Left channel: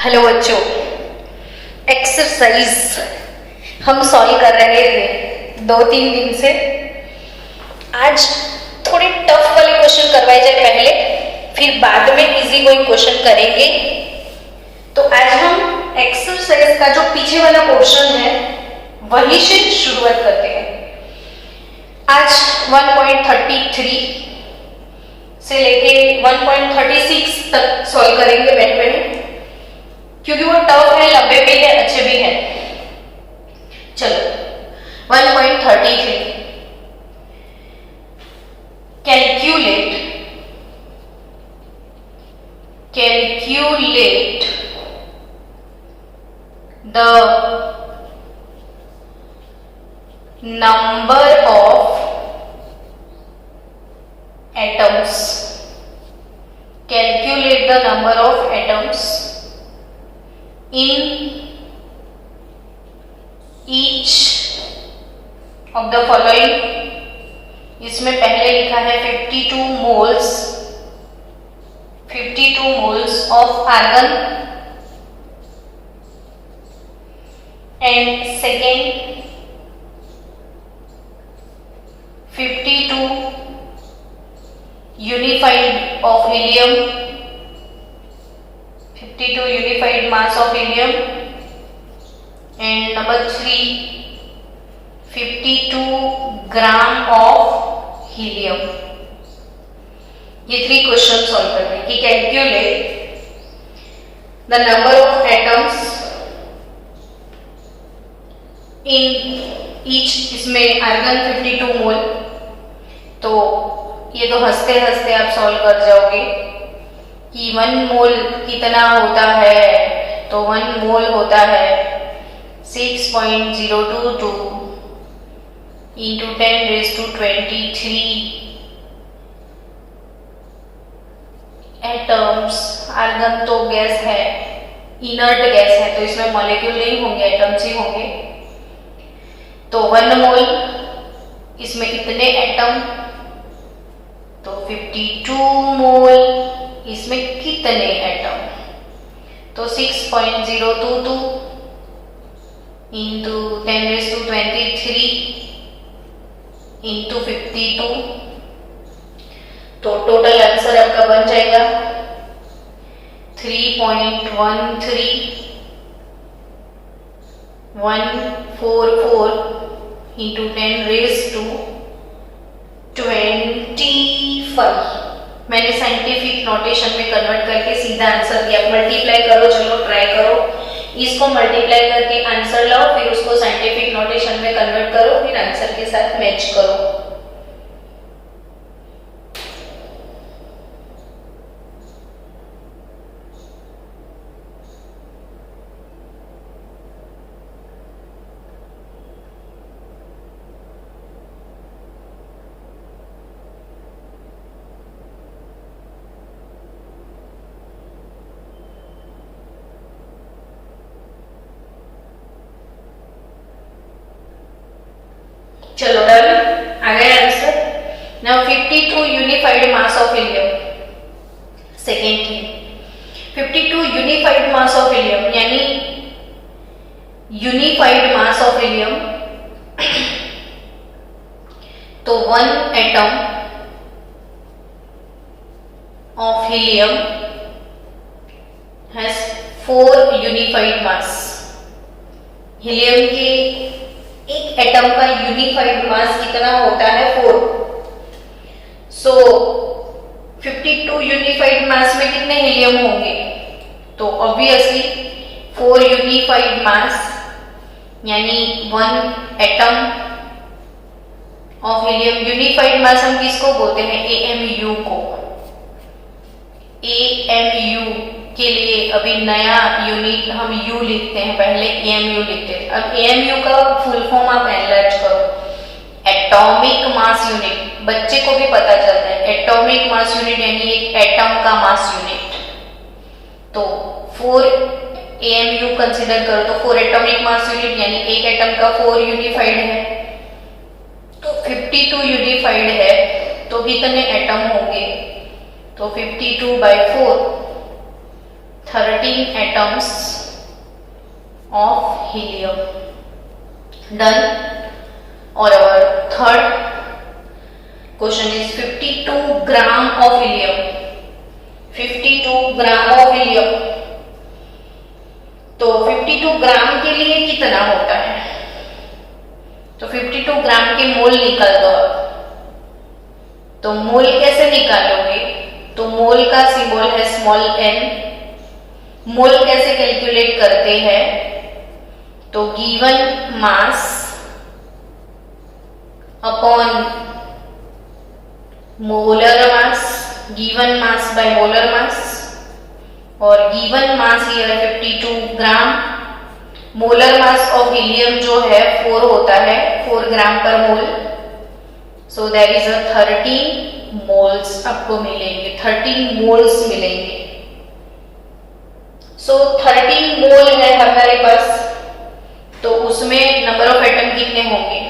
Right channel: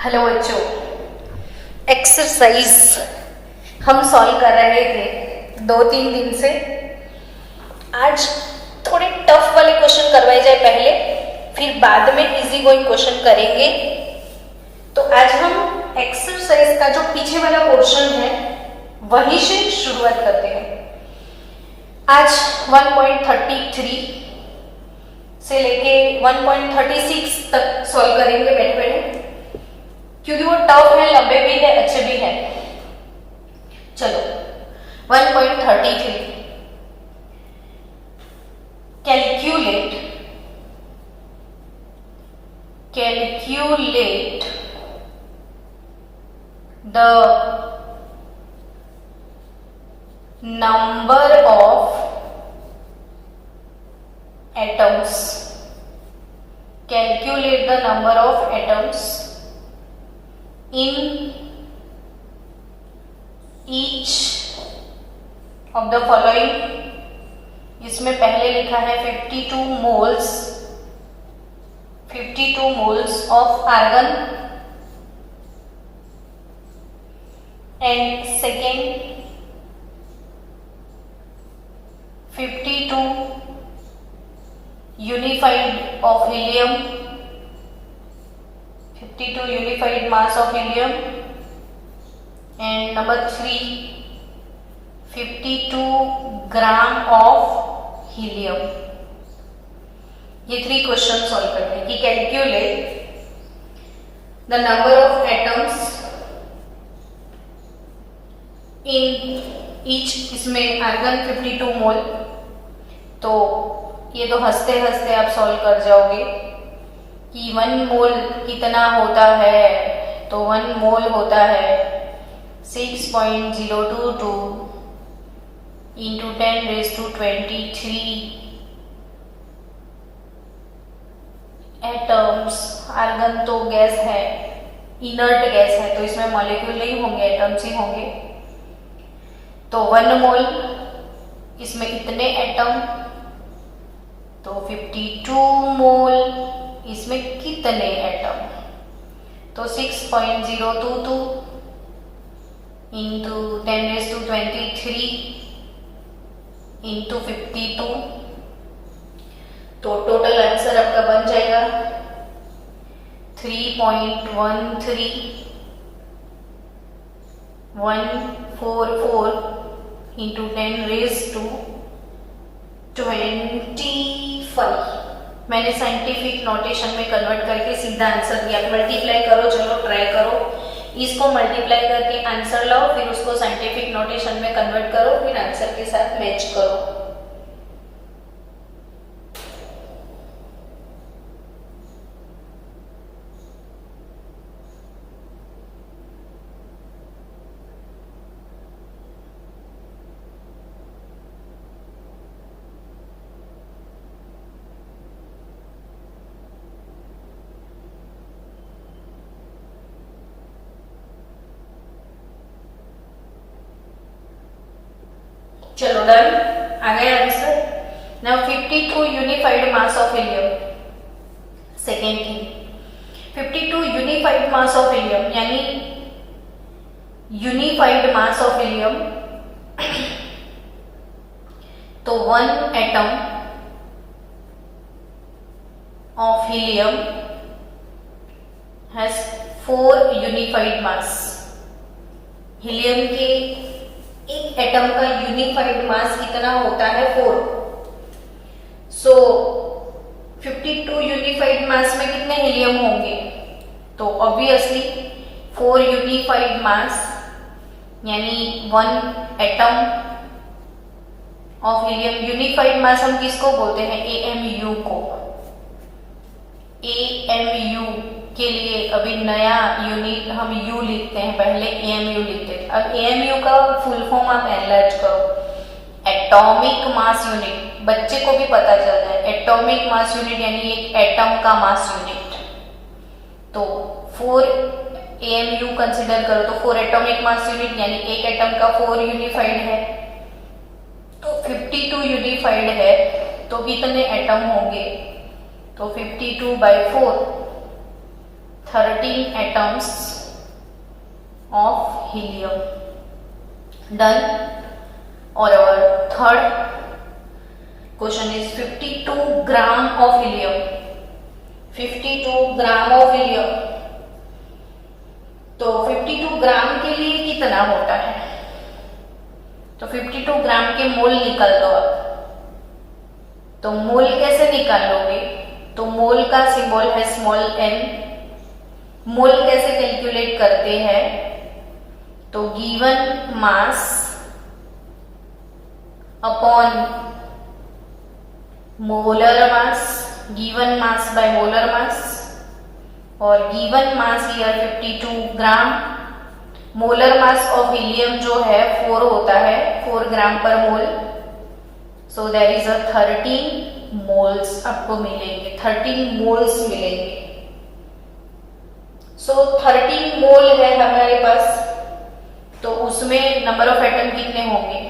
Hello बच्चों, exercise हम solve कर रहे थे 2-3 दिन से। आज थोड़े टफ वाले क्वेश्चन करवाए जाए पहले, फिर बाद में इजी कोई क्वेश्चन करेंगे। तो आज हम एक्सरसाइज का जो पीछे वाला पोर्शन है वही से शुरुआत करते हैं। आज 1.33 से लेके 1.36 तक सॉल्व करेंगे बैठ बैठ, क्योंकि वो टफ है, लंबे भी है, अच्छे भी है। चलो 1.33, calculate the number of atoms. Calculate the number of atoms in each of the following. इसमें पहले लिखा है 52 moles of argon, and second 52 unified of helium, 52 unified mass of helium, and number 3 52 gram of helium. ये 3 question solve करने हैं कि calculate the number of atoms in each, इसमें argon 52 मोल। तो ये तो हंसते हंसते आप सॉल्व कर जाओगे कि 1 मोल कितना होता है। तो 1 मोल होता है 6.022 इंटू 10⁻23 एटम्स। आर्गन तो गैस है, इनर्ट गैस है, तो इसमें मॉलिक्यूल नहीं होंगे, एटम्स ही होंगे। तो 1 मोल, इसमें इतने एटम, तो 52 मोल, इसमें कितने एटम, तो 6.022 इंटू 10⁻23 इंटू 52। तो टोटल आंसर आपका बन जाएगा 3.13144 इंटू 10⁻25। मैंने साइंटिफिक नोटेशन में कन्वर्ट करके सीधा आंसर दिया। मल्टीप्लाई करो, चलो ट्राई करो, इसको मल्टीप्लाई करके आंसर लाओ, फिर उसको साइंटिफिक नोटेशन में कन्वर्ट करो, फिर आंसर के साथ मैच करो। चलो डन, आ गया answer. Now 52 unified mass of helium. Second thing, 52 unified mass of helium, यानी यूनिफाइड मास ऑफ हीलियम। तो 1 atom of helium has 4 unified mass. Helium के एक एटम का यूनिफाइड मास कितना होता है? 4। सो 52 यूनिफाइड मास में कितने हीलियम होंगे? तो ऑब्वियसली 4 यूनिफाइड मास, यानी 1 एटम ऑफ हीलियम। यूनिफाइड मास हम किसको बोलते हैं? AMU को। AMU के लिए अभी नया यूनिट हम U लिखते हैं, पहले AMU लिखते थे। अब AMU का फुल फॉर्म आप एनालाइज करो, एटॉमिक मास यूनिट। बच्चे को भी पता चलता है एटॉमिक मास यूनिट यानी एक एटम का मास यूनिट। तो 4 AMU कंसीडर करो, तो 4 एटॉमिक मास यूनिट, यानी एक एटम का 4 यूनिफाइड है। तो 52 यूनिफाइड है, तो कितने एटम होंगे? तो 52/4 13 atoms of helium. Done. Or our third question is 52 gram of helium. 52 gram of helium. तो 52 ग्राम के लिए कितना होता है? तो 52 ग्राम के मोल निकाल दो आप. तो मोल कैसे निकालोगे? तो मोल का सिंबल है स्मॉल n. मोल कैसे कैलकुलेट करते हैं? तो given mass upon molar mass, given mass by molar mass, और given mass here 52 gram. Molar mass of helium जो है 4 होता है, 4 gram per mole. So there is a 13 moles आपको मिलेंगे, 13 मोल्स मिलेंगे. सो 13 मोल है हमारे पास, तो उसमें नंबर ऑफ एटम कितने होंगे?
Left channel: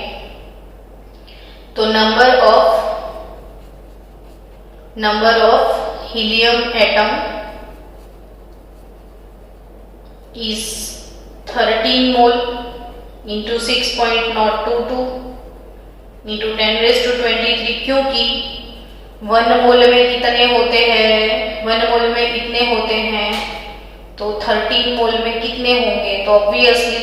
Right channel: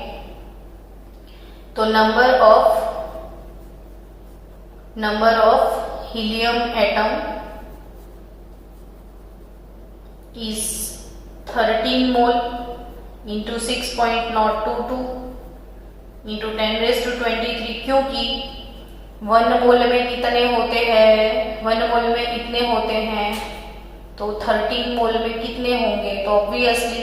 तो number of helium atom is 13 mole into 6.022 into 10 raised to 23. क्योंकि 1 मोल में कितने होते हैं? 1 मोल में इतने होते हैं, तो 13 मोल में कितने होंगे? तो ऑब्वियसली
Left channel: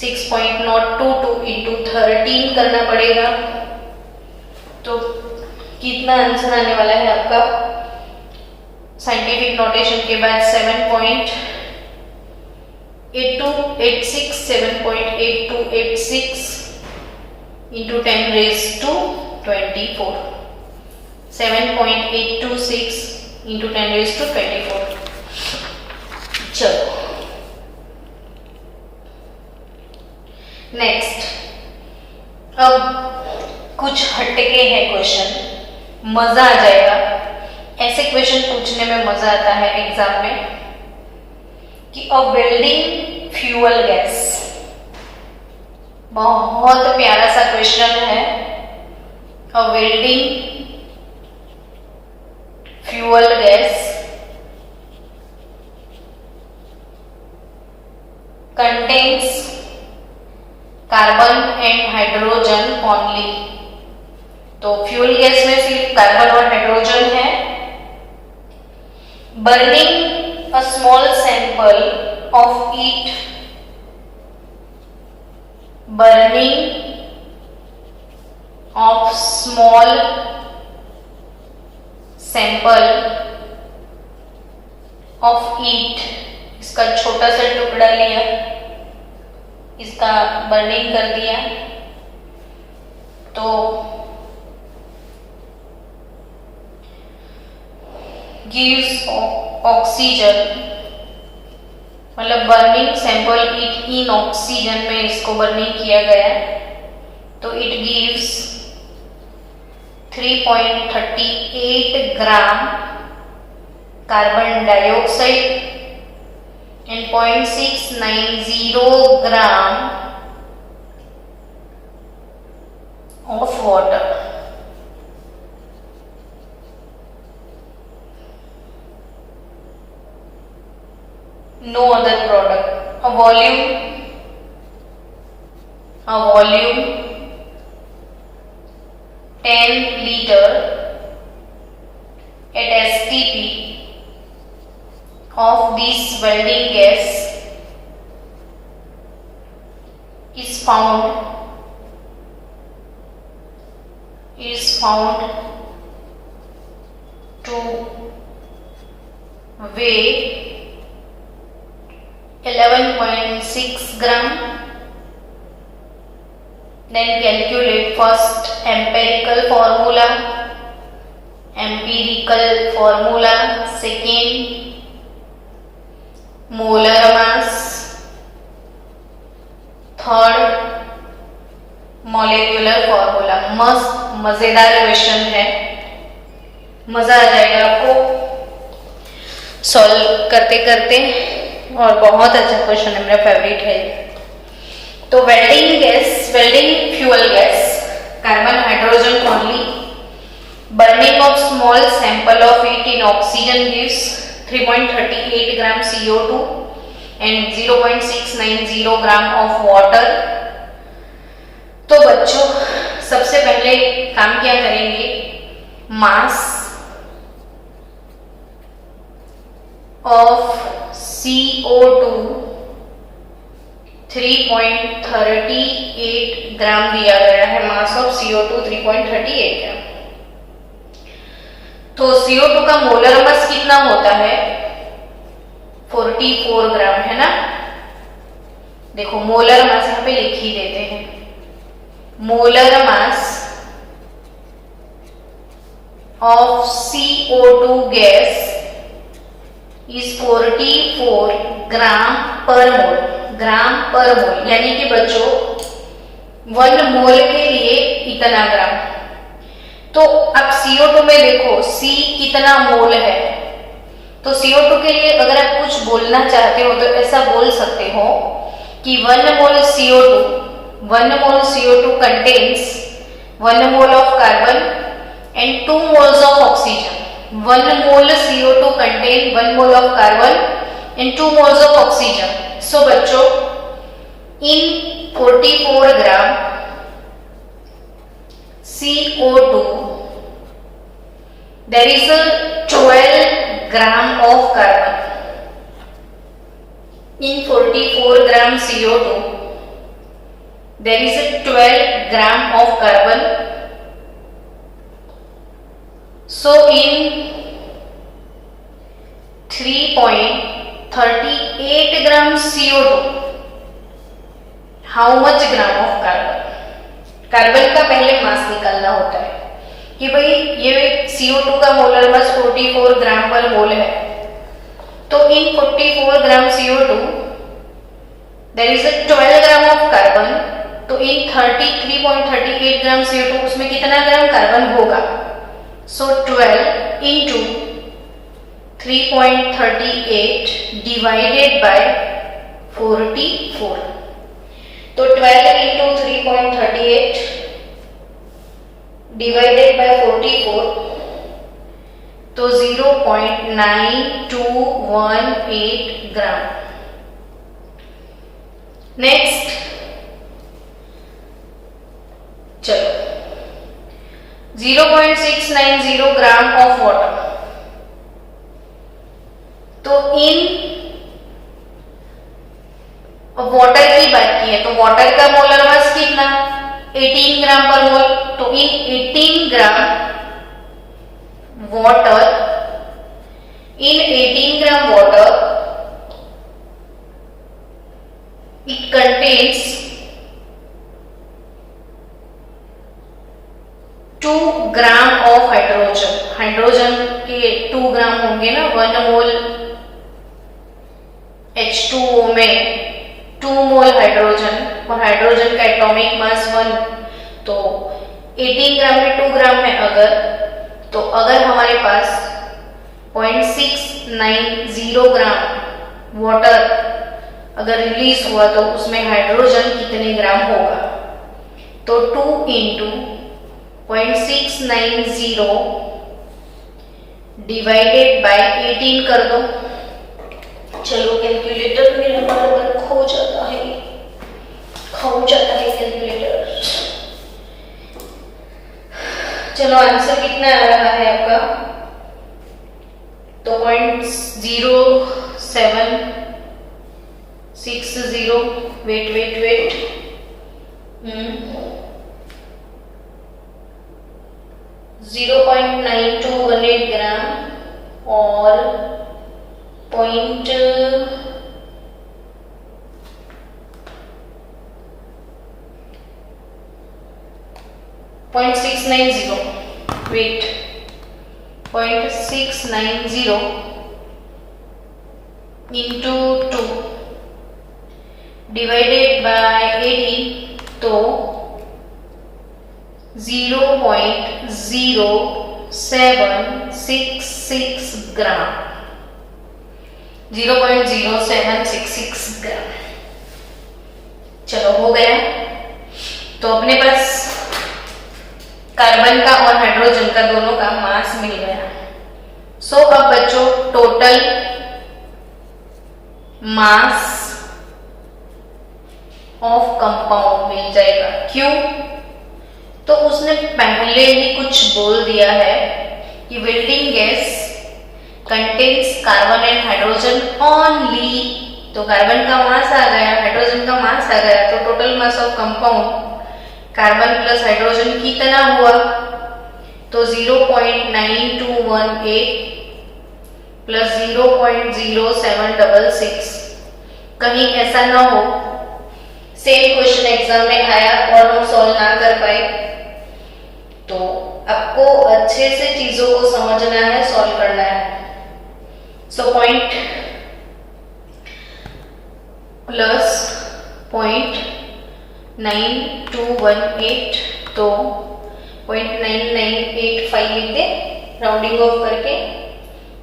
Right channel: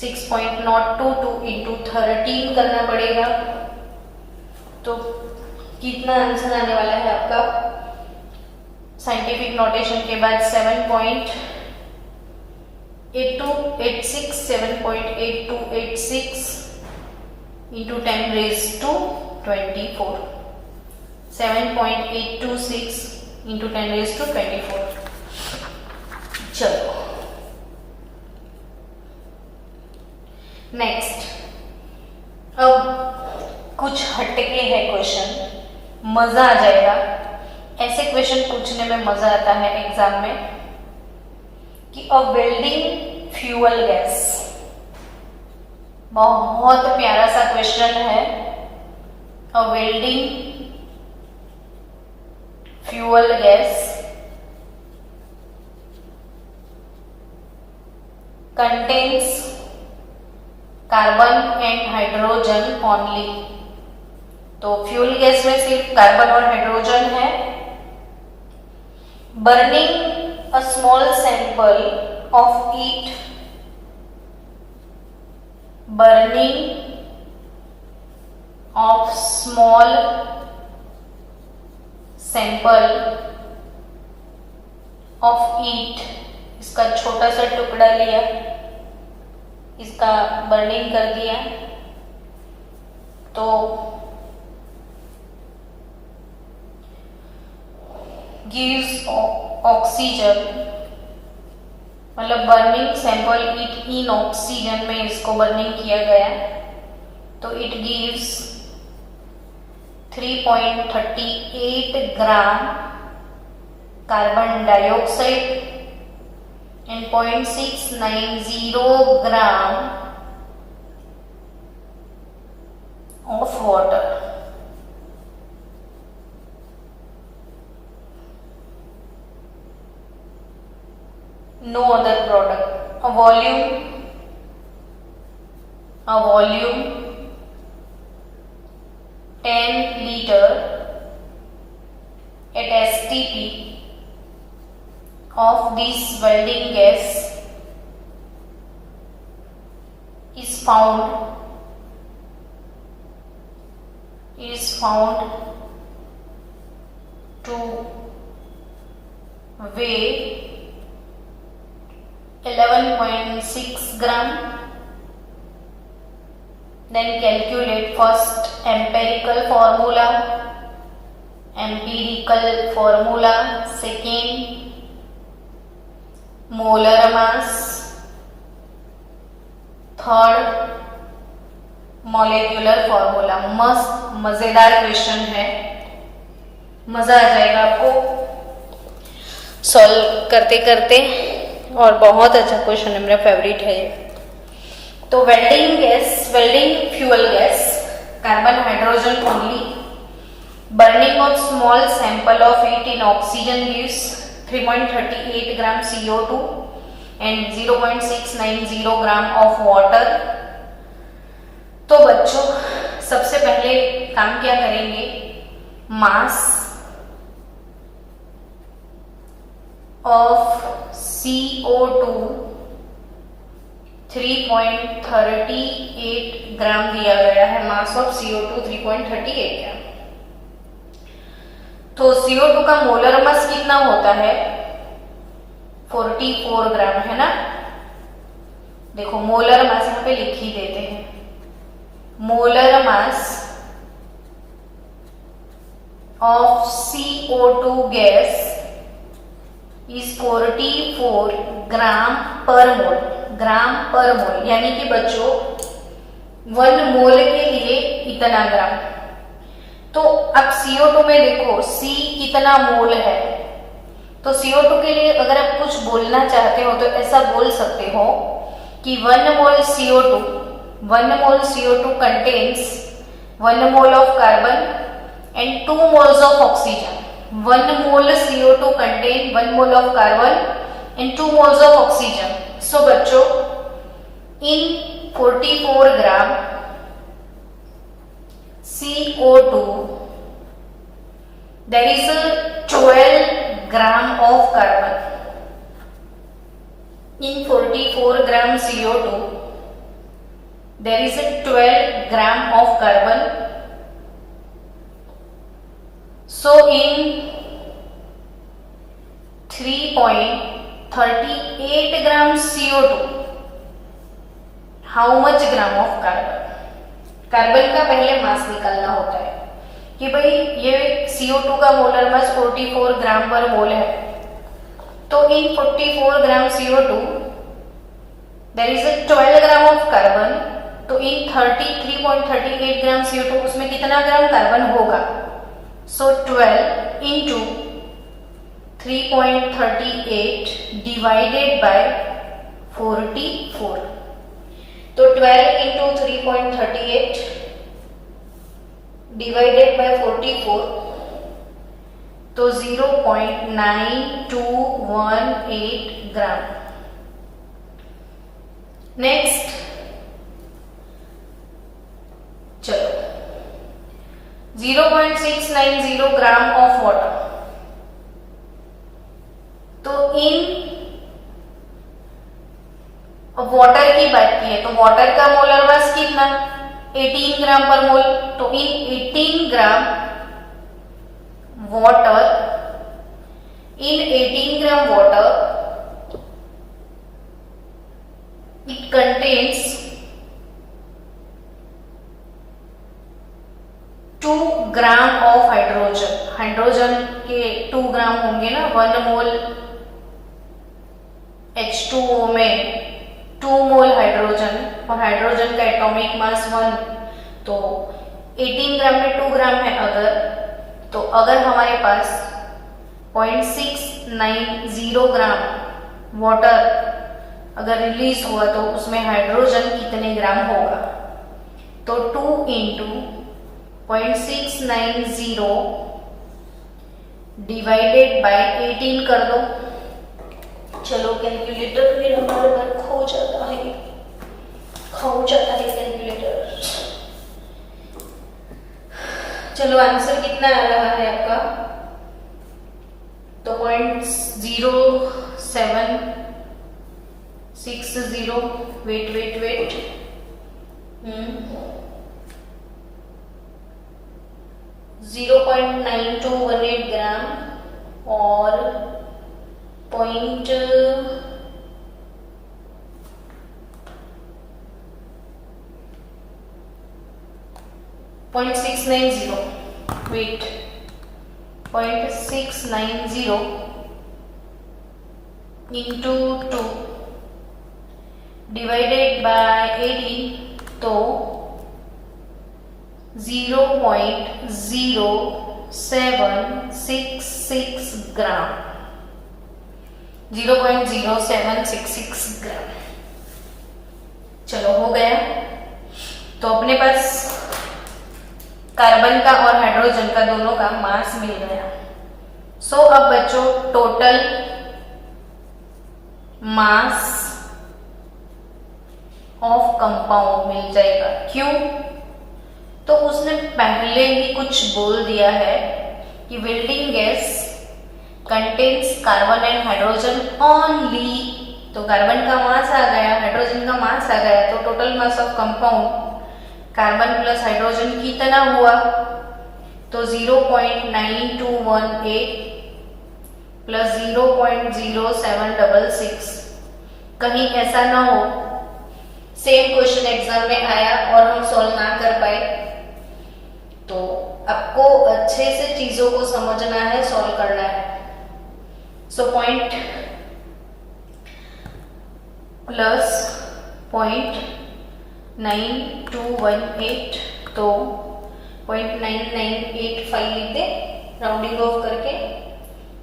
6.022 into 13 करना पड़ेगा. तो कितना आंसर आने वाला है आपका? साइंटिफिक नोटेशन के बाद 7.8286 7.8286 into 10 raised to 24. 7.826 into 10 raised to 24. चलो नेक्स्ट. अब कुछ हटके है क्वेश्चन, मजा आ जाएगा. ऐसे क्वेश्चन पूछने में मजा आता है एग्जाम में कि अ वेल्डिंग फ्यूल गैस. बहुत प्यारा सा क्वेश्चन है. A welding fuel gas contains carbon and hydrogen only. तो फ्यूल गैस में सिर्फ कार्बन और हाइड्रोजन है. Burning a small sample of it, burning of small sample of it. इसका छोटा सा टुकड़ा लिया, इसका बर्निंग कर दिया, तो गिव्स ऑक्सीजन, मतलब burning sample it in oxygen में इसको बर्निंग किया गया, तो it gives 3.38 gram carbon dioxide and 0.690 gram of water. No other product. A volume 10 liter at STP of this welding gas is found to weigh 11.6 gram. Then calculate first empirical formula, second molar mass, third molecular formula. मस्त मजेदार question है, मजा आ जाएगा आपको solve करते करते, और बहुत अच्छा क्वेश्चन है, मेरा फेवरेट है. तो welding fuel gas, carbon hydrogen only, burning of small sample of it in oxygen gives 3.38 gram CO2 and 0.690 gram of water. तो बच्चों सबसे पहले काम क्या करेंगे, मास ऑफ CO2 3.38 ग्राम दिया गया है। मास ऑफ CO2 3.38 ग्राम। तो CO2 का मोलर मास कितना होता है, 44 ग्राम, है ना। देखो मोलर मास यहाँ पे लिख ही देते हैं। Molar mass of CO2 gas is 44 gram per mole. Gram per मोल यानी कि बच्चों 1 मोल के लिए इतना ग्राम। तो अब CO2 में देखो C कितना मोल है, तो CO2 के लिए अगर आप कुछ बोलना चाहते हो तो ऐसा बोल सकते हो कि 1 मोल CO2 contains 1 mole of carbon and 2 moles of oxygen. 1 mole CO2 contain 1 mole of carbon and 2 moles of oxygen. So बच्चों in 44 gram CO2 there is a 12 gram of carbon. In 44 gram CO2 there is a 12 gram of carbon. So in 3.38 gram CO2 how much gram of carbon? Carbon का पहले मास निकालना होता है कि भाई ये CO2 का मोलर मास 44 ग्राम per mole है। तो in 44 gram CO2 there is 12 gram of carbon. तो इन 3.38 ग्राम CO2 उसमें कितना ग्राम कार्बन होगा, सो 12 इंटू 3.38 डिवाइडेड बाय 44। तो 12 इंटू 3.38 डिवाइडेड बाय 44 तो 0.9218 ग्राम। नेक्स्ट चलो 0.690 ग्राम ऑफ वाटर। तो इन वाटर की बात की है तो वाटर का मोलर मास कितना, 18 ग्राम पर मोल। तो इन 18 gram water, in 18 gram water it contains 2 gram of hydrogen. Hydrogen के 2 ग्राम होंगे ना, 1 मोल H2O में 2 मोल हाइड्रोजन, और हाइड्रोजन का एटॉमिक मास 1। तो 18 ग्राम में 2 ग्राम है अगर हमारे पास 0.690 ग्राम वाटर अगर रिलीज हुआ तो उसमें हाइड्रोजन कितने ग्राम होगा, तो 2 इंटू 0.690 डिवाइडेड बाय 18 कर दो। चलो कैलकुलेटर मेरा बार खो जाता है कैलकुलेटर। चलो आंसर कितना आ रहा है आपका, तो 0.0760 वेट 0.9218 ग्राम और 0.690 वेट 0.690 into 2 डिवाइडेड बाय 18 तो 0.0766 ग्राम, 0.0766 ग्राम। चलो हो गया। तो अपने पास कार्बन का और हाइड्रोजन का दोनों का मास मिल गया। सो अब बच्चों टोटल मास ऑफ कंपाउंड मिल जाएगा। क्यों? तो उसने पहले ही कुछ बोल दिया है कि building gas contains carbon and hydrogen only. तो कार्बन का मास आ गया, हाइड्रोजन का मास आ गया, तो total mass of compound carbon plus hydrogen कितना हुआ? तो 0.9218 प्लस 0.0766। कहीं ऐसा ना हो सेम क्वेश्चन एग्जाम में आया और हम सॉल्व ना कर पाए। तो आपको अच्छे से चीजों को समझना है, सॉल्व करना है। सो पॉइंट प्लस 0.9218, तो 0.9985 लिख दे राउंडिंग ऑफ करके,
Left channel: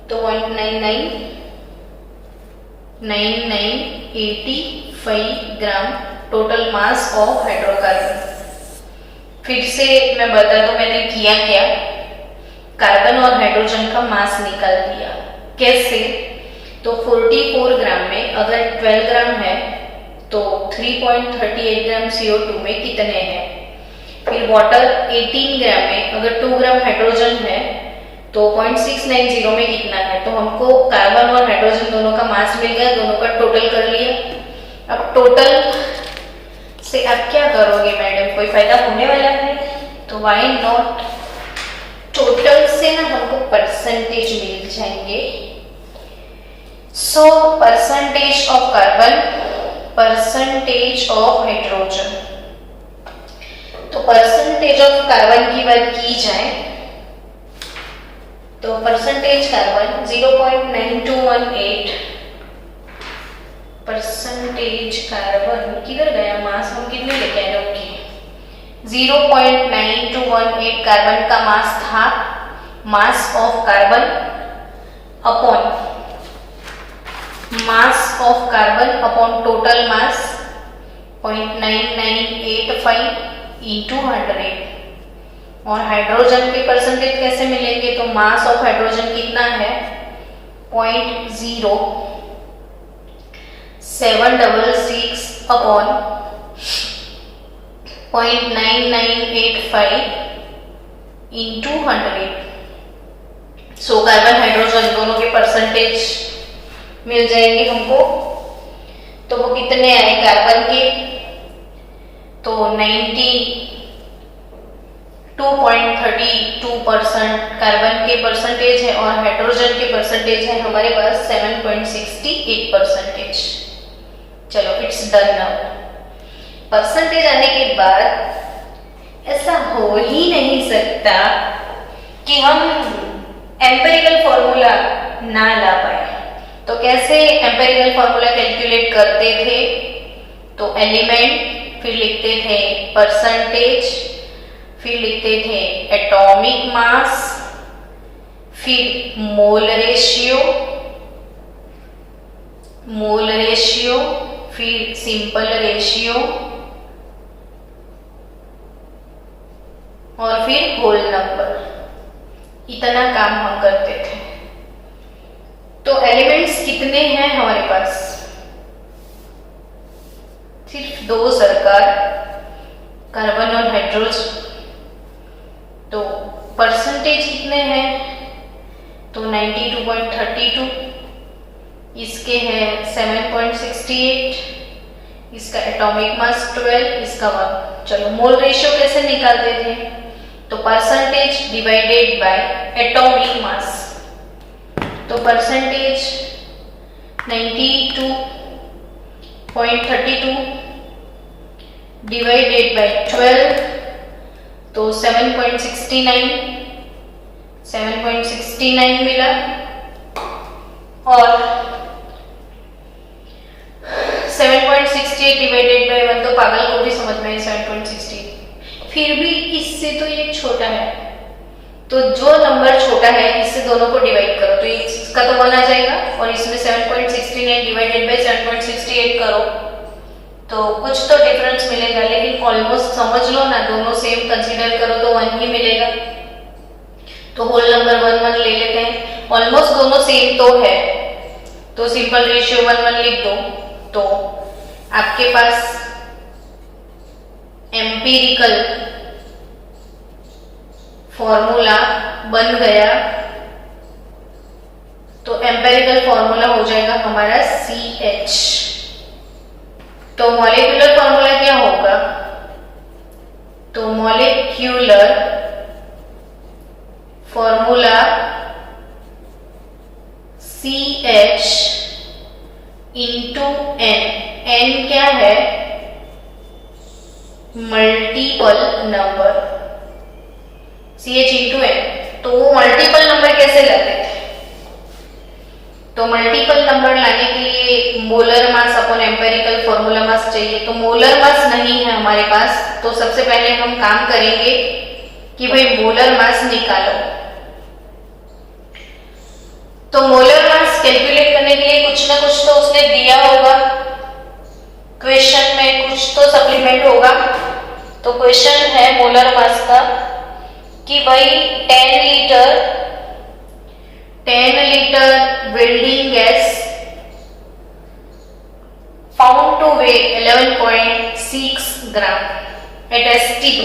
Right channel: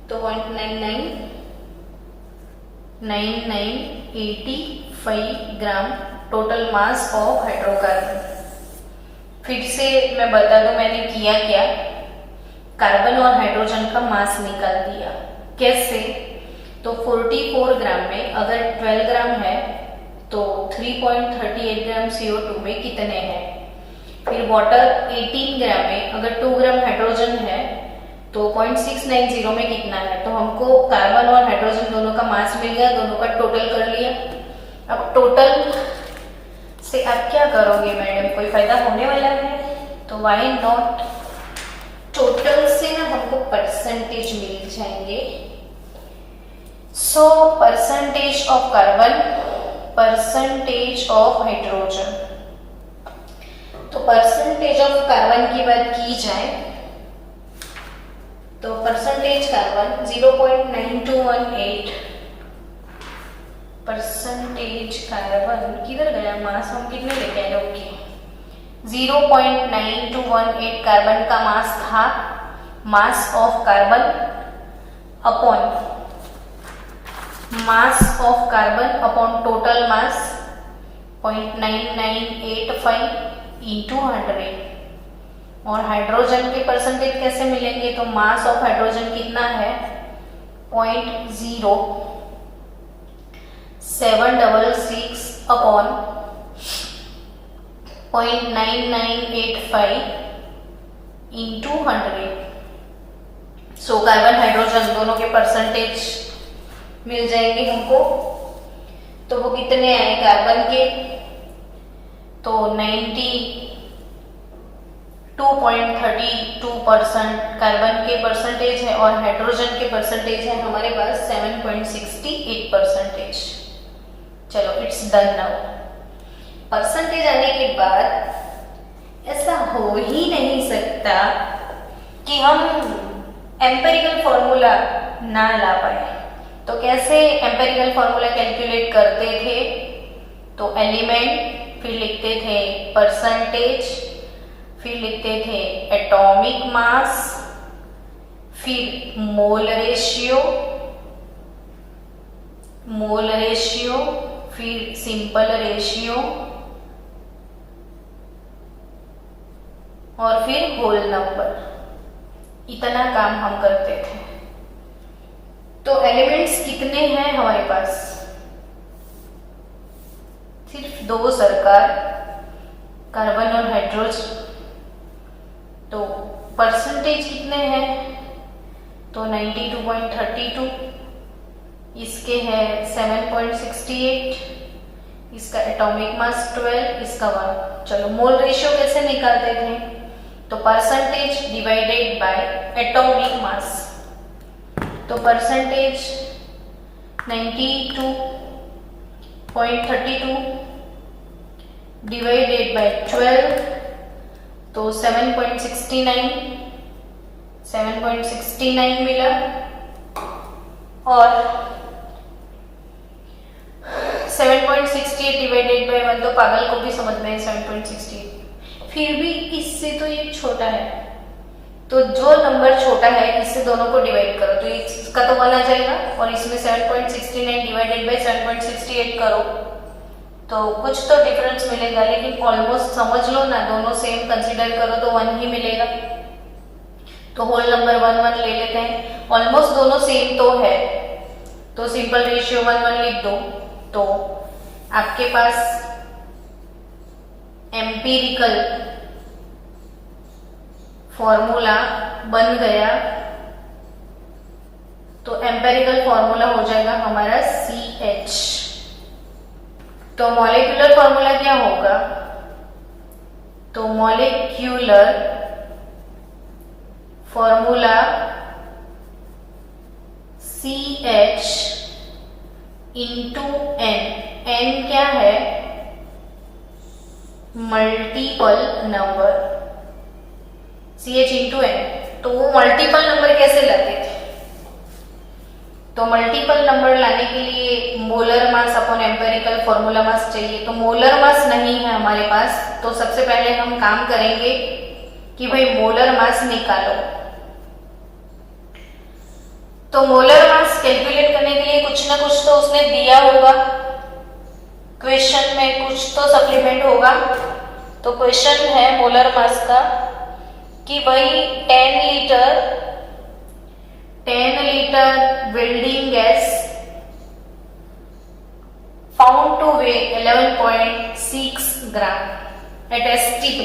तो 0.9985 ग्राम टोटल मास ऑफ हाइड्रोकार्बन। फिर से मैं बता दूं मैंने किया क्या। कार्बन और हाइड्रोजन का मास निकाल दिया। कैसे? तो 44 ग्राम में अगर 12 ग्राम है तो 3.38 ग्राम CO2 में कितने हैं। फिर वाटर 18 ग्राम में अगर 2 ग्राम हाइड्रोजन है तो 0.690 में कितना है। तो हमको कार्बन और हाइड्रोजन दोनों का मास मिल गया, दोनों का टोटल कर लिया। अब टोटल से आप क्या करोगे मैडम, कोई फायदा होने वाला है? तो व्हाई नॉट, टोटल से ना हमको परसेंटेज मिल जाएंगे। So percentage of carbon, percentage of hydrogen. तो परसेंटेज ऑफ कार्बन की बात की जाए तो परसेंटेज कार्बन 0.9218, परसेंटेज कार्बन किधर गया मास, हम कितने लेके आए थे? 0.9218 कार्बन का मास था। Mass of carbon upon mass of carbon upon total mass 0.9985 into 100। और हाइड्रोजन के परसेंटेज कैसे मिलेंगे? तो मास ऑफ हाइड्रोजन कितना है? 0.0766 upon 0.9985 into 100। So carbon hydrogen दोनों के परसेंटेज मिल जाएंगे हमको। तो वो कितने आए कार्बन के? तो 92.32% कार्बन के परसेंटेज है और हाइड्रोजन के परसेंटेज है हमारे पास 7.68%। चलो इट्स डन नाउ। परसेंटेज आने के बाद ऐसा हो ही नहीं सकता कि हम एम्पिरिकल फॉर्मूला ना ला पाए। तो कैसे एम्पिरिकल फॉर्मूला कैलकुलेट करते थे? तो एलिमेंट, फिर लिखते थे परसेंटेज, फिर लिखते थे एटॉमिक मास, फिर मोल रेशियो, फिर सिंपल रेशियो और फिर होल नंबर। इतना काम हम करते थे। तो एलिमेंट्स कितने हैं हमारे पास? सिर्फ 2 सरकार, कार्बन और हाइड्रोजन। तो परसेंटेज कितने हैं? तो 92.32, इसके हैं 7.68, इसका एटॉमिक मास 12, इसका 1। चलो मोल रेशियो कैसे निकालते थे? तो percentage divided by atomic mass. तो परसेंटेज 92.32 डिवाइडेड बाय 12, तो 7.69 मिला। और 7.68 डिवाइडेड बाय 1, तो पागल को भी समझ में 7.68। फिर भी इससे तो ये छोटा है, तो जो नंबर छोटा है इससे दोनों को डिवाइड करो, तो इसका तो 1 आ जाएगा और इसमें 7.69 डिवाइडेड बाय 7.68 करो तो कुछ तो डिफरेंस मिलेगा, लेकिन ऑलमोस्ट समझ लो ना, दोनों सेम कंसीडर करो तो 1 ही मिलेगा। तो होल नंबर 1 1 ले लेते हैं ऑलमोस्ट दोनों सेम तो है, तो सिंपल रेशियो 1:1 लिख दो। तो आपके पास एम्पिरिकल फॉर्मूला बन गया। तो एम्पिरिकल फॉर्मूला हो जाएगा हमारा CH। तो मॉलिक्यूलर फॉर्मूला क्या होगा? तो molecular formula CH into N। N क्या है? Multiple number. CH into N। तो वो मल्टीपल नंबर कैसे लाते थे? तो मल्टीपल नंबर लाने के लिए molar mass upon empirical formula mass चाहिए। तो मोलर मास नहीं है हमारे पास, तो सबसे पहले हम काम करेंगे कि भाई मोलर मास निकालो। तो मोलर मास कैलकुलेट करने के लिए कुछ ना कुछ तो उसने दिया होगा, क्वेश्चन में कुछ तो सप्लीमेंट होगा। तो क्वेश्चन है मोलर मास का कि भाई 10 litre welding gas found two way 11.6 ग्राम एट STP।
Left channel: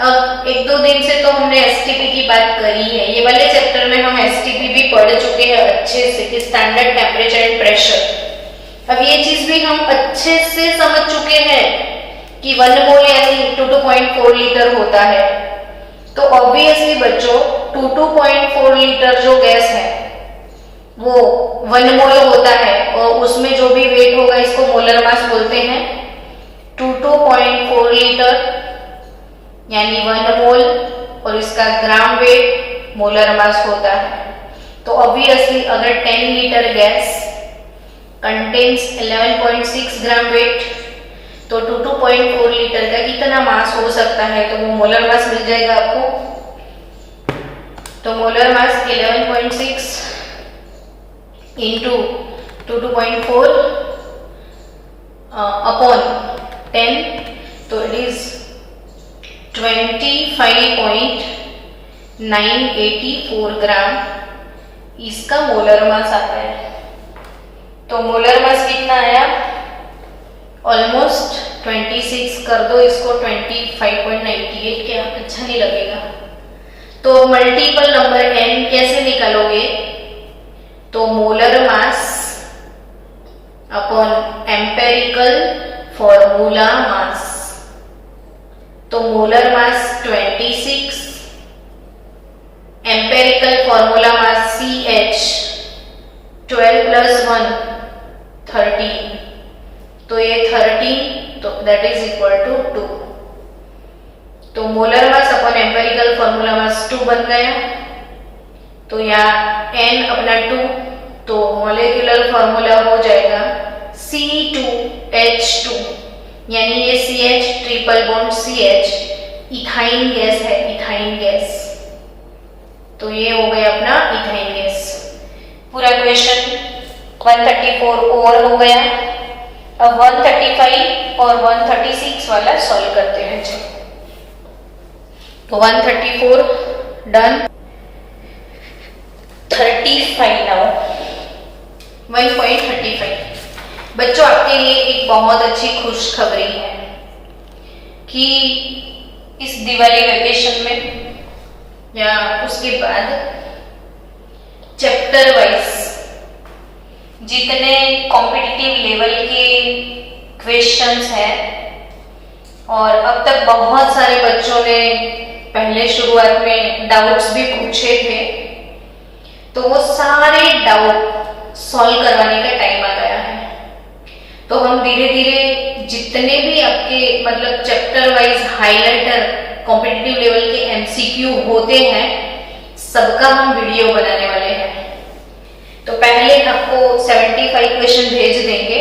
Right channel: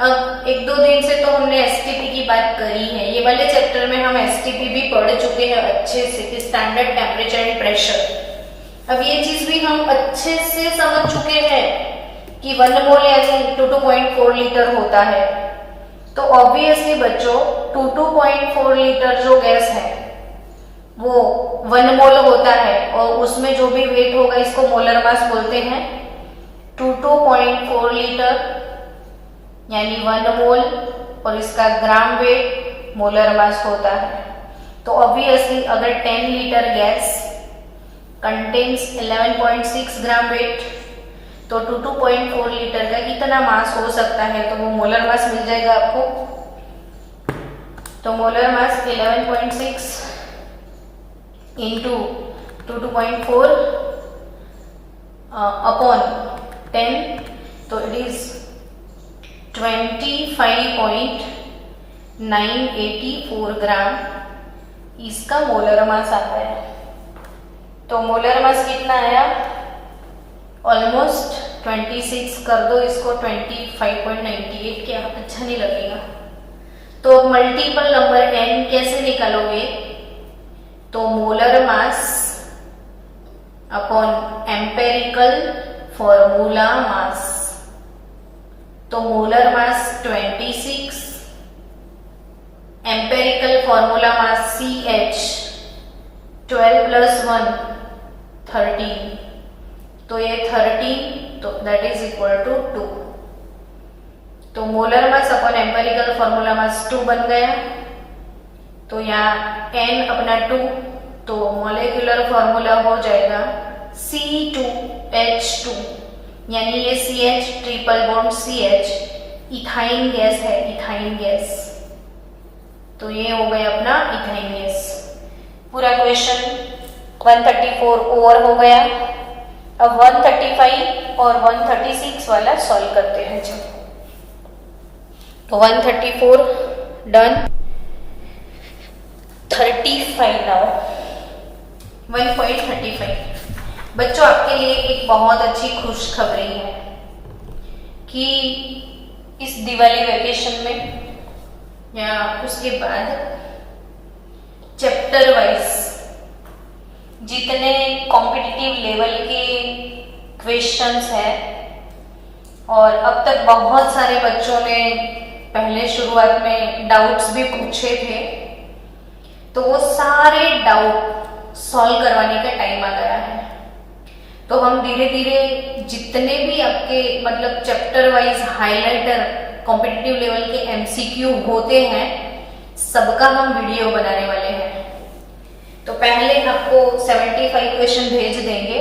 अब एक दो दिन से तो हमने STP की बात करी है, ये वाले चैप्टर में हम STP भी पढ़ चुके हैं अच्छे से कि स्टैंडर्ड टेम्परेचर एंड प्रेशर। अब ये चीज भी हम अच्छे से समझ चुके हैं कि 1 मोल यानी 22.4 लीटर होता है। तो ऑब्वियसली बच्चों 22.4 लीटर जो गैस है वो 1 मोल होता है, और उसमें जो भी वेट होगा इसको मोलर मास बोलते हैं। 22.4 लीटर यानी 1 मोल, और इसका ग्राम वेट मोलर मास होता है। तो ऑब्वियसली अगर 10 litre gas contains 11.6 gram weight, तो 22.4 लीटर का कितना मास हो सकता है? तो वो मोलर मास मिल जाएगा आपको। तो मोलर मास 11.6 इंटू 22.4 अपॉन 10, तो इट इज 25.984 ग्राम इसका मोलर मास आता है। तो मोलर मास कितना आया? ऑलमोस्ट 26 कर दो इसको 25.98, क्या अच्छा नहीं लगेगा। तो मल्टीपल नंबर n कैसे निकालोगे? तो molar mass upon empirical formula mass. तो molar mass 26, empirical formula mass CH 12 + 1 13, तो ये 13, तो दैट इज इक्वल टू 2। तो molar mass upon empirical formula mass 2 बन गया। तो यहाँ n अपना 2, तो मॉलिक्यूलर फॉर्मूला हो जाएगा C2H2, यानी ये CH triple bond CH ethyne gas है, इथाइन गैस। तो ये हो गया अपना इथाइन गैस। पूरा क्वेश्चन 134 ओवर हो गया। अब 135 और 136 वाला सॉल्व करते हैं। चलो 134 डन। 35 नाउ 1.35। बच्चों आपके लिए एक बहुत अच्छी खुशखबरी है कि इस दिवाली वेकेशन में या उसके बाद चैप्टर वाइज जितने कॉम्पिटिटिव लेवल के क्वेश्चंस हैं, और अब तक बहुत सारे बच्चों ने पहले शुरुआत में डाउट्स भी पूछे थे, तो वो सारे डाउट सॉल्व करवाने का टाइम आ गया है। तो हम धीरे धीरे जितने भी आपके मतलब chapter wise highlighter competitive level के MCQ होते हैं, सबका हम वीडियो बनाने वाले हैं। तो पहले आपको 75 क्वेश्चन भेज देंगे,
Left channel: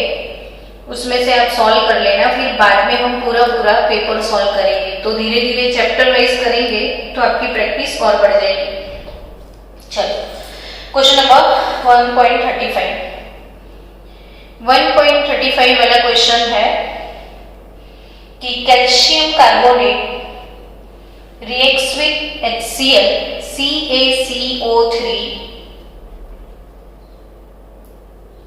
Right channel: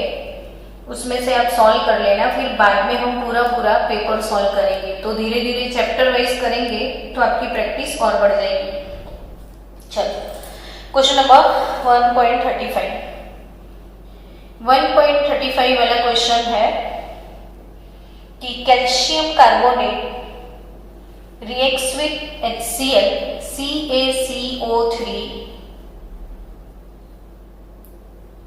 उसमें से आप सॉल्व कर लेना, फिर बाद में हम पूरा पेपर सॉल्व करेंगे। तो धीरे धीरे चैप्टर वाइज करेंगे तो आपकी प्रैक्टिस और बढ़ जाएगी। चलो क्वेश्चन नंबर 1.35। 1.35 वाला क्वेश्चन है कि calcium carbonate reacts with HCl CaCO3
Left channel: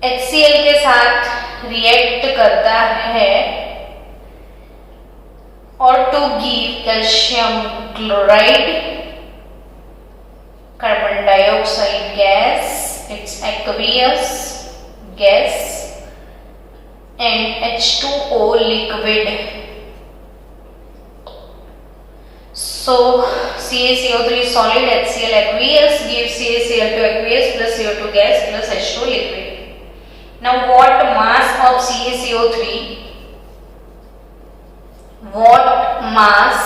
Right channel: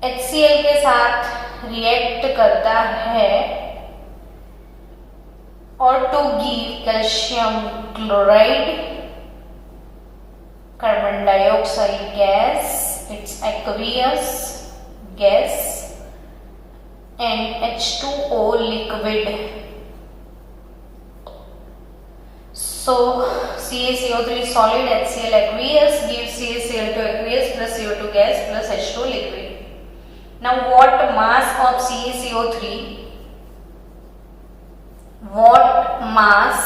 HCl के साथ रिएक्ट करता है और to give calcium chloride carbon dioxide gas, it's aqueous gas and H2O liquid. So CaCO3 solid, HCl aqueous gives CaCl to aqueous plus CO2 gas plus H2 liquid. Now what mass of CaCO3? What mass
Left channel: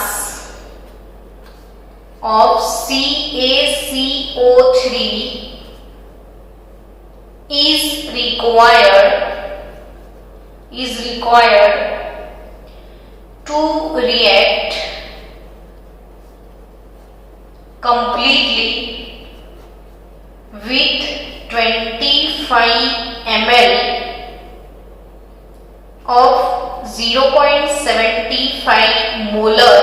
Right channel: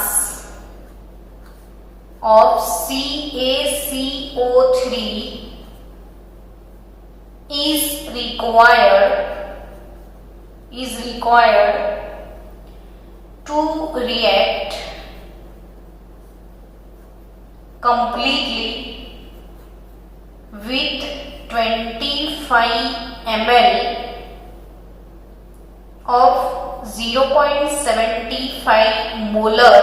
of CaCO3 is required to react completely with 25 ml of 0.75 molar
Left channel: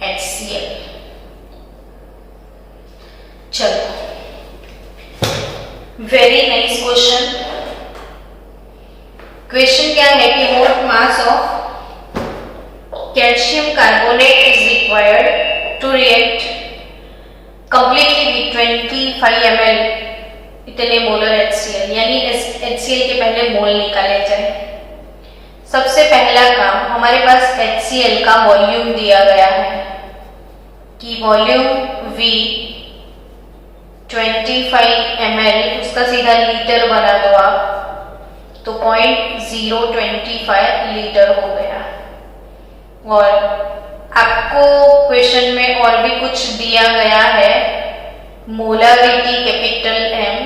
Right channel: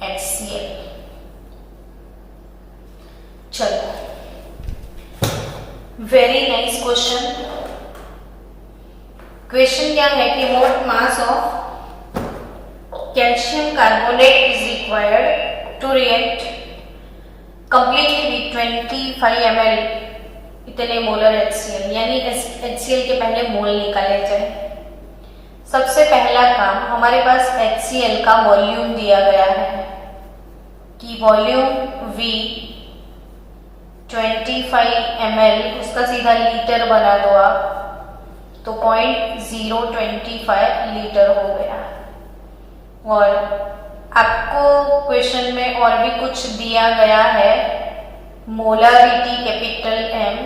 HCl. चलो, very nice question. Question क्या है कि what mass of calcium carbonate is required to react completely with 25 ml इतने molar HCl, यानी HCl के पहले मोल निकाले जाए. सबसे पहला काम, हमारे पास HCl का वॉल्यूम दिया गया है कि वॉल्यूम V 25 ml, उसका सीधा लीटर बना दो आप, तो 0.025 लीटर हो गया. और आपको क्वेश्चन में और भी कुछ दिया गया है, मोलारिटी कैपिटल M,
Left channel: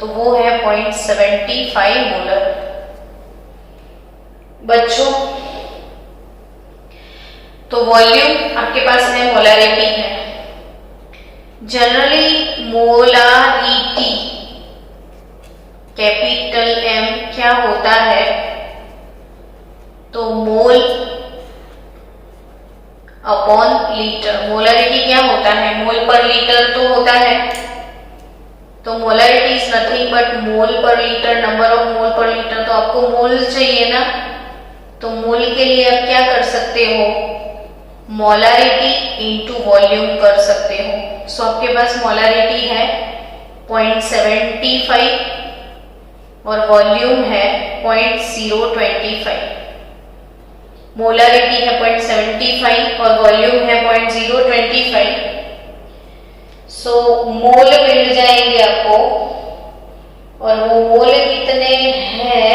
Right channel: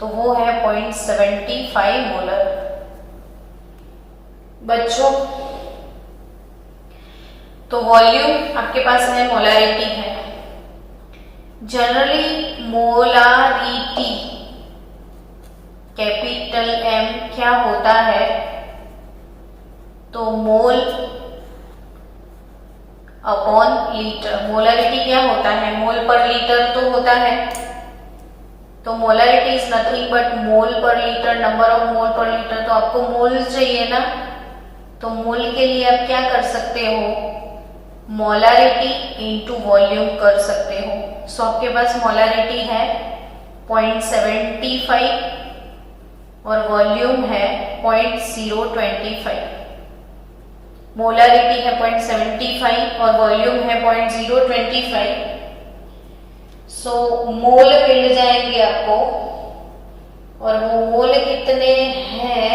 तो वो है 0.75 मोलर. बच्चों, तो वॉल्यूम आपके पास है, मोलारिटी है. जनरली मोलारिटी कैपिटल M क्या होता है, तो मोल अपॉन लीटर. मोलारिटी क्या होता है, मोल पर लीटर तो होता है, तो मोलारिटी इज नथिंग बट मोल पर लीटर, नंबर ऑफ मोल पर लीटर. तो आपको मोल चाहिए ना, तो मोल के लिए आप क्या कर सकते हो, मोलारिटी इनटू वॉल्यूम कर सकते हो. सो आपके पास मोलारिटी है 0.75 और वॉल्यूम है 0.025. मोलारिटी है 0.75 और वॉल्यूम है 0.025. सो मोल मिल जाएंगे आपको, और वो मोल कितने हैं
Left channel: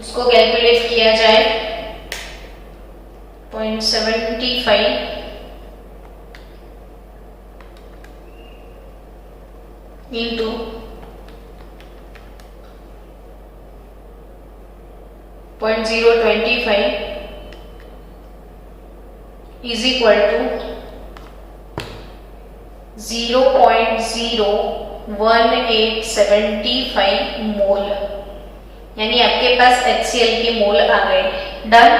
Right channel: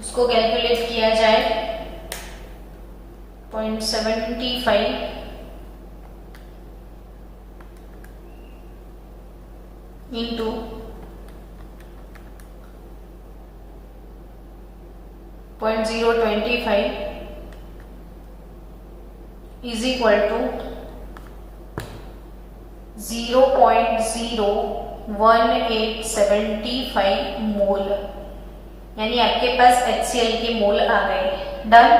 उसको कैलकुलेट किया जाए. 0.75 into 0.025 is equal to 0.01875 मोल, यानी आपके पास HCl के मोल आ गए. डन.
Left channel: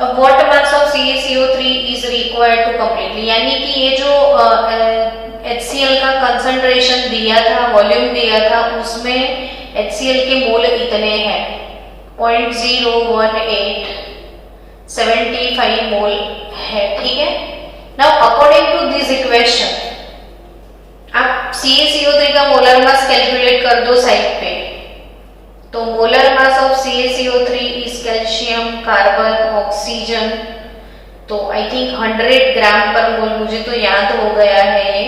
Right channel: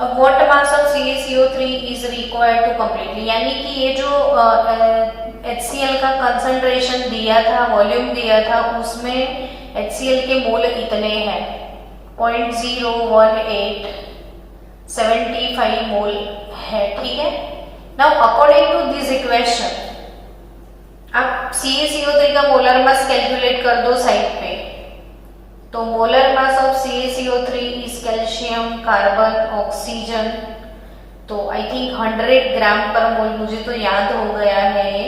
अब what mass of CaCO3 is required to completely, यानी कि ये जो HCl का कंसंट्रेशन दिया था, वॉल्यूम दिया था, उसमें HCl के मोल इतने हैं, 0.01875 मोल है. ठीक है. Now according to this equation आप CaCO3 का मोलर मास कैलकुलेट कर दो साइड पे. तो molar mass of CaCO3 is calcium carbon oxygen, तो आई थिंक 100 ग्राम पर मोल, मुझे तो याद हो गया है ये,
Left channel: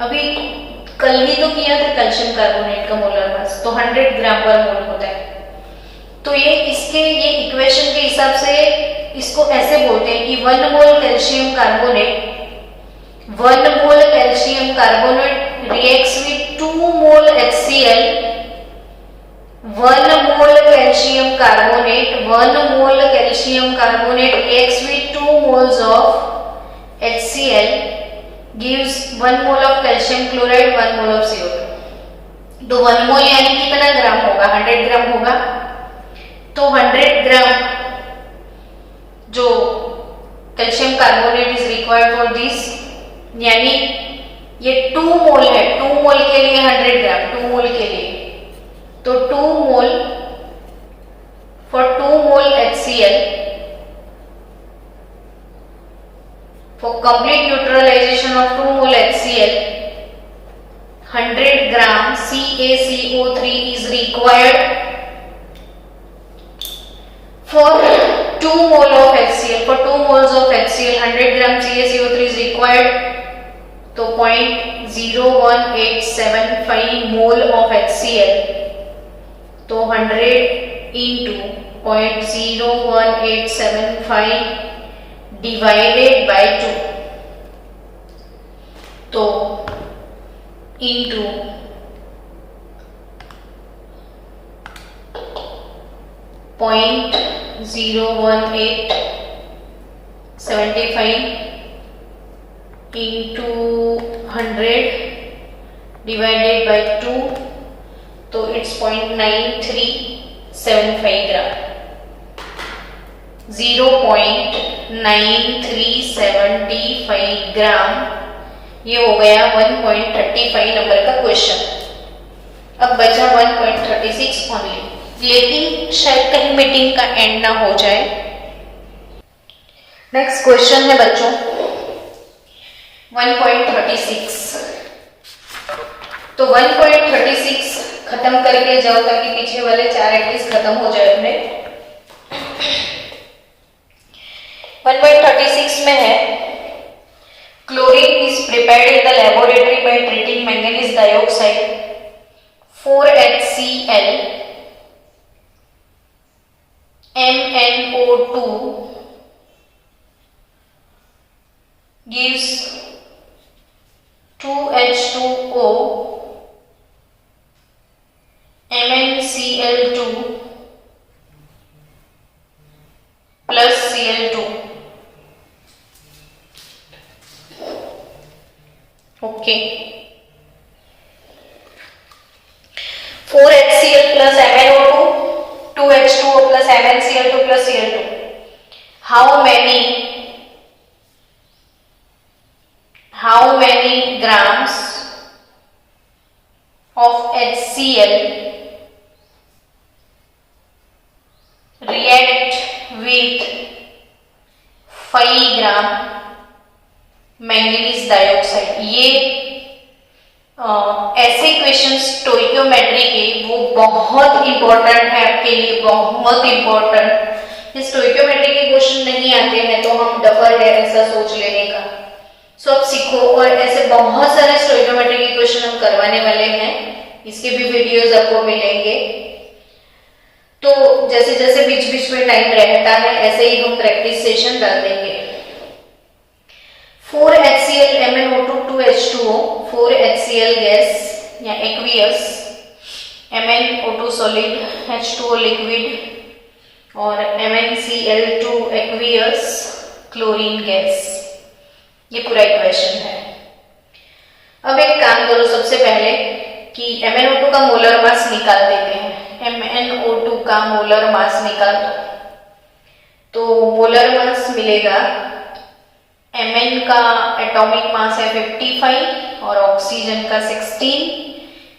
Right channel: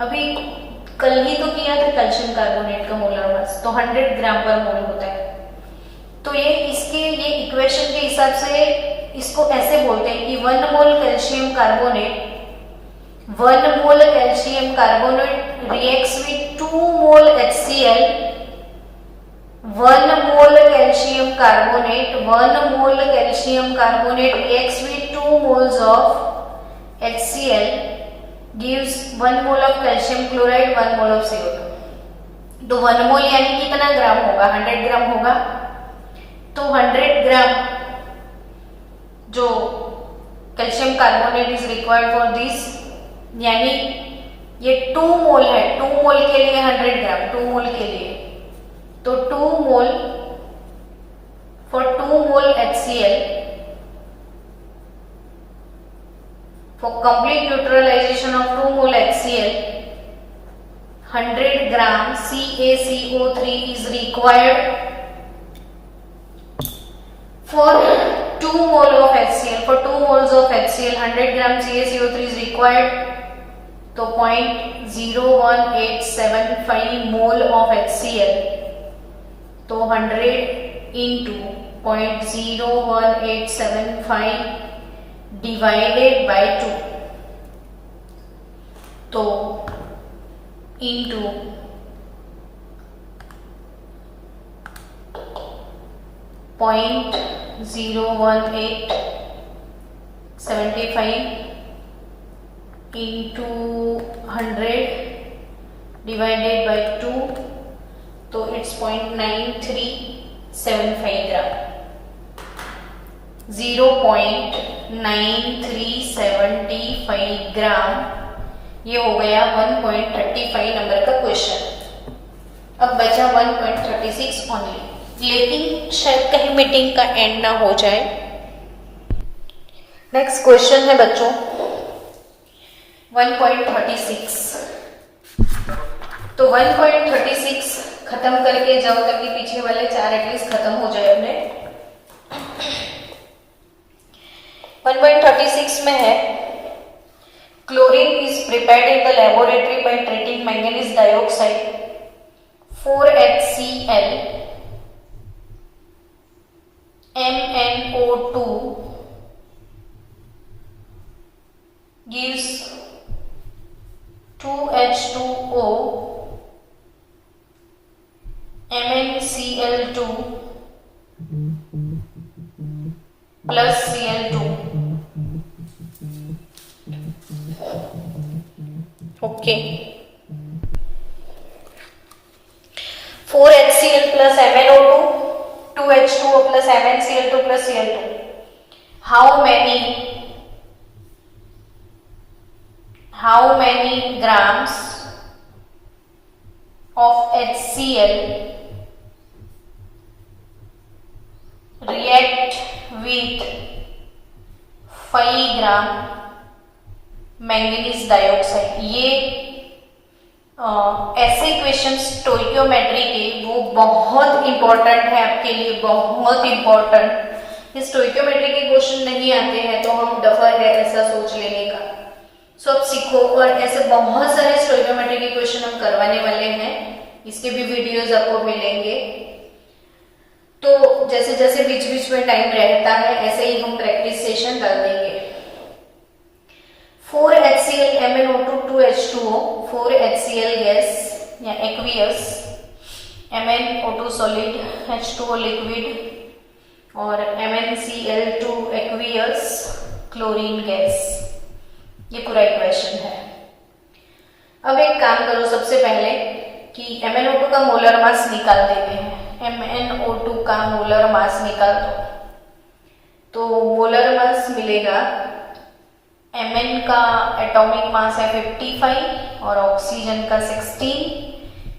अभी कल ही तो किया था कैल्शियम कार्बोनेट का मोलर मास, तो 100 ग्राम पर मोल होता है. तो ये इक्वेशन के हिसाब से इसको ऐसे बोलते हैं कि 1 mole calcium carbonate reacts with 2 mole HCl. 1 mole calcium carbonate reacts with 2 moles of HCl gives 1 mole of calcium chloride, 1 mole of CO2. तो 1 मोल यानी कितना ग्राम होगा, 100 ग्राम होगा. तो 100 ग्राम जो calcium carbonate is required for this, यानी ये 2 मोल है, 2 मोल के लिए 100 ग्राम, 2 मोल के लिए, तो 2 मोल for 2 mole HCl, for complete neutralization of 2 mole HCl, 100 gram CaCO3 is required. For 2 mole of HCl, for 2 moles of HCl, 100 gram CaCO3 is required. तो 0.0185 मोल of HCl, तो 100 into 0.0185 divided by 2, तो into 0.01875 into 100 divided by 2, तो it's 0.9375 ग्राम, 0.9375 ग्राम। ये हो गया 1.35 number का question. अब बचा 1.36 ओनली, लेकिन शायद कहीं मीटिंग का एंड ना हो जाए। नेक्स्ट क्वेश्चन है बच्चों 1.36। तो 1.36 खत्म करके जाओ ताकि पीछे वाले 4 एटलीस्ट खत्म हो जाए अपने। 1.36 में है chlorine is prepared in the laboratory by treating manganese dioxide 4HCl MnO2 gives 2H2O MnCl2 plus Cl2। Okay, 4HCl plus MnO2, 2H2O plus MnCl2 plus Cl2। How many grams of HCl react with 5 gram manganese dioxide? ये ऐसे question stoichiometry के वो बहुत important है आपके लिए, बहुत important. ये स्टोइकियोमेट्री के क्वेश्चन नहीं आते हैं तो हम डफर है ऐसा सोच लेने का। सो अब सीखो, और ऐसे बहुत सारे स्टोइकियोमेट्री के क्वेश्चन हम करवाने वाले हैं, इसके भी वीडियोस आपको मिलेंगे। तो जैसे जैसे बीच बीच में टाइम रहता है ऐसे ही हम प्रैक्टिस सेशन डाल देंगे। 4HCl MnO2 2H2O, 4HCl gas या aqueous, MnO2 solid, H2O liquid और MnCl2 एक्वियस क्लोरीन गैस। ये पूरा इक्वेशन है। अब एक काम करो, सबसे पहले कि MnO2 का मोलर मास निकाल देते हैं। MnO2 का मोलर मास निकाल दो, तो मोलर मास मिलेगा, Mn का एटॉमिक मास है 55 और ऑक्सीजन का 16,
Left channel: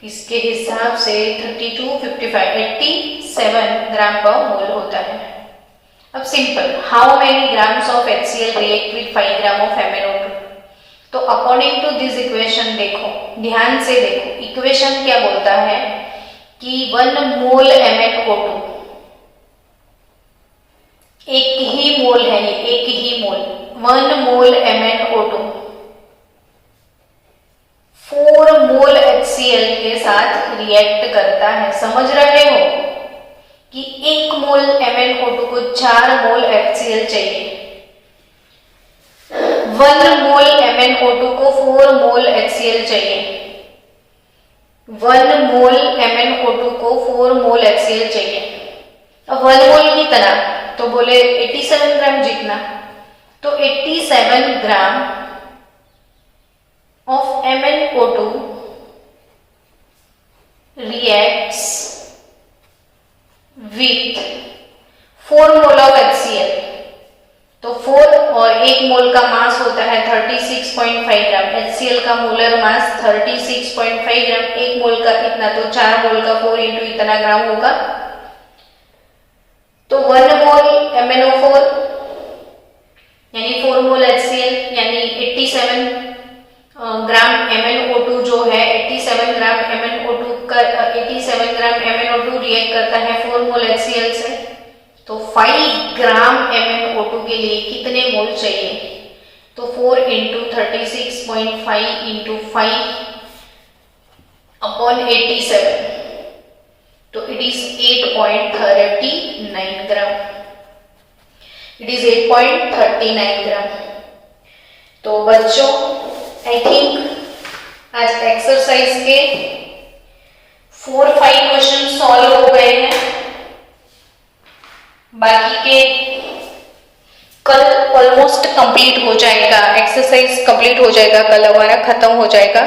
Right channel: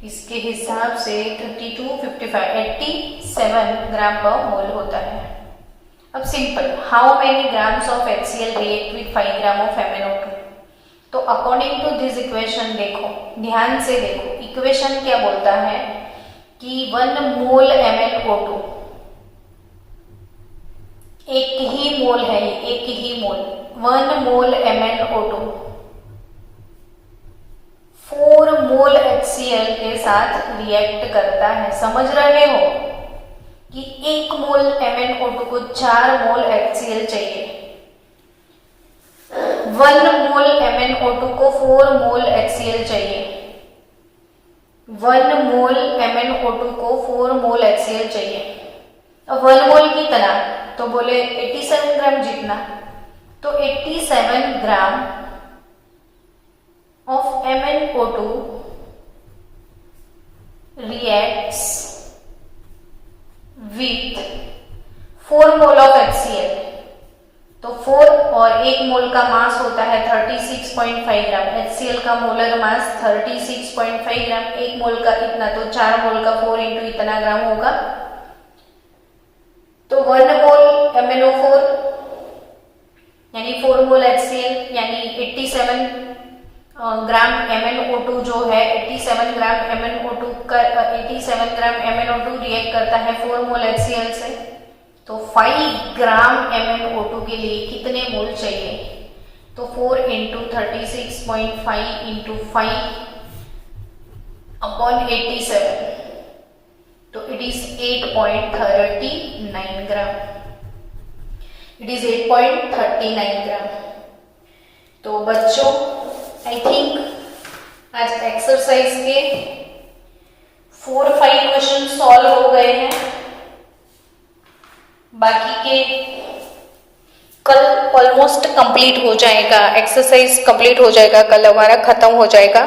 इसके हिसाब से 32, 55, 87 ग्राम पर मोल होता है। अब simple, how many grams of HCl react with 5 gram of MnO2? तो अकॉर्डिंग टू दिस इक्वेशन देखो, ध्यान से देखो, इक्वेशन क्या बोलता है कि 1 मोल MnO2, एक ही मोल है ये, एक ही मोल, 1 मोल MnO2 4 मोल HCl के साथ रिएक्ट करता है। समझ रहे हो कि 1 मोल MnO2 को 4 मोल HCl चाहिए, 1 मोल MnO2 को 4 मोल HCl चाहिए, 1 मोल MnO2 को 4 मोल HCl चाहिए। अब 1 मोल की तरह तो बोले 87 ग्राम जितना, तो 87 gram of MnO2 reacts with 4 mole of HCl। तो 4 और 1 मोल का मास होता है 36.5 ग्राम। HCl का मोलर मास 36.5 ग्राम, 1 मोल का इतना, तो 4 मोल का 4 इंटू इतना ग्राम होगा। तो 1 मोल MnO4 यानी 4 मोल HCl यानी 87 ग्राम MnO2 जो है 87 ग्राम MnO2 का 87 ग्राम MnO2 रिएक्ट करता है 4 मोल HCl से। तो 5 ग्राम MnO2 के लिए कितने मोल चाहिए? तो 4 इंटू 36.5 इंटू 5 अपॉन 87, तो it is 8.39 gram. It is 8.39 ग्राम। तो बच्चों आई थिंक आज एक्सरसाइज के 4-5 क्वेश्चन सॉल्व हो गए हैं। बाकी के कल ऑलमोस्ट कंप्लीट हो जाएगा, एक्सरसाइज कंप्लीट हो जाएगा, कल हमारा खत्म हो जाएगा।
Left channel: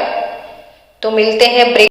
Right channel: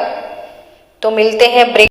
तो मिलते हैं ब्रेक।